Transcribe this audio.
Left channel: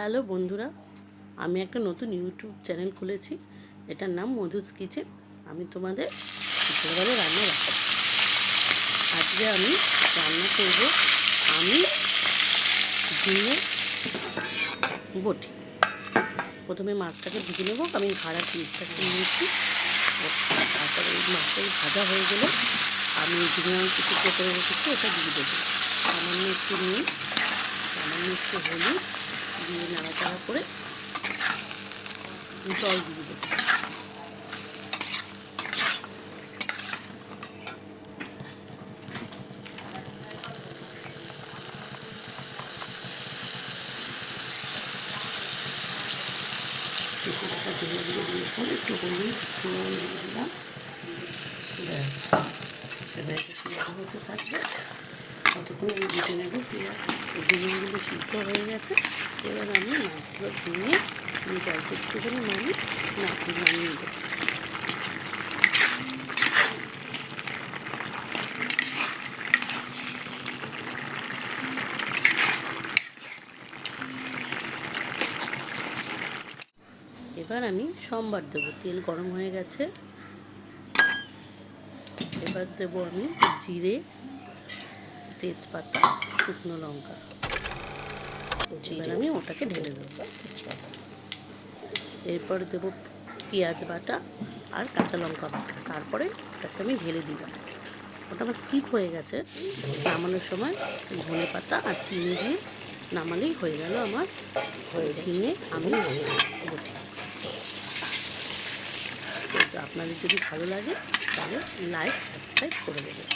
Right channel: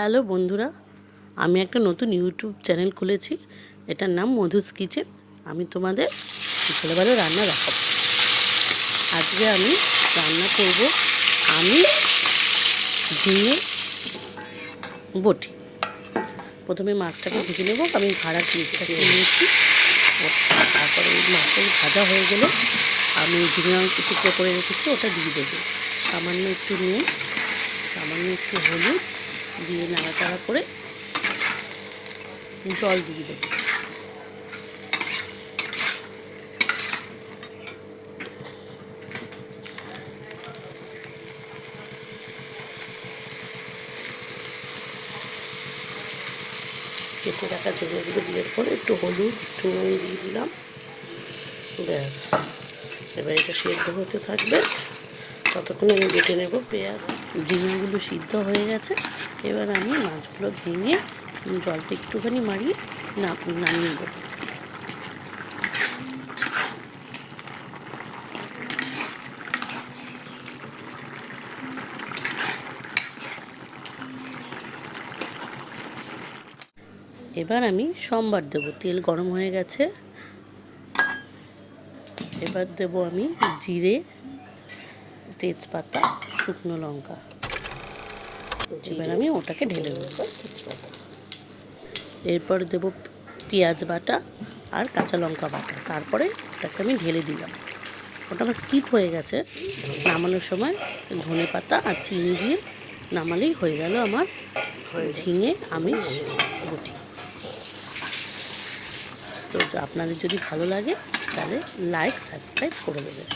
Hello বন্ধুরা, আমি একটা নতুন ইউটিউব চ্যানেল খুলেছি। এটার নাম মধুস কিচেন। আমি তোমাদের ছোটোবেলায় রান্না দেখাবো। আজকে আমি রান্না করব আমি ঝিঙে বটি। প্রথমে মাছটাকে ভেজে নেব। আমি ঘাড়া পিসটাকে নিয়েছি। তারপরে এই মাছটা ভাজা হয়ে গেলে আমি ঝিঙে টুকরো করে রেখেছি, ওটা দিয়ে দেবো। সামান্য একটু নুন, সামান্য একটু হলুদ দিয়ে নাড়াচাড়া করে জল দিয়ে দেবো। কেটে রাখা ঝিঙেগুলো দিয়ে পরে একটু হলুদ চুন দিয়ে দিলাম। এবার এটা সেদ্ধ হতে থাকবে, ততক্ষণ আমি বেটে নেব পেঁয়াজ। ঝিঙেগুলো সিদ্ধ হয়ে গেছে। এবার আমি মাছগুলো ভেঙে জলটা একটুখানি নামিয়ে দেবো। এবার আমি সম্বার দেবো। তেল গরম হয়ে গেছে। এবার দেব আমি জিরে, তেজপাতা, শুকনো লঙ্কা। এবার আমি ওটাকে ঢেলে দেবো তেজপাতা। এরপর দেব পেঁয়াজ বাটা আর কাঁচা লঙ্কা বাটা। তারপরে ওটাকে আমি ঢেলে দিলাম। ওটা আমার স্কিপ হয়ে গেছে। নামানোর সময় ধনে পাতা আর চিনি দিয়ে নামালেই হয়ে গেল আমার ঝিঙে আমি বটি। তো আপনাদের যদি ভালো লাগে তাহলে লাইক সাবস্ক্রাইব করে দেবেন।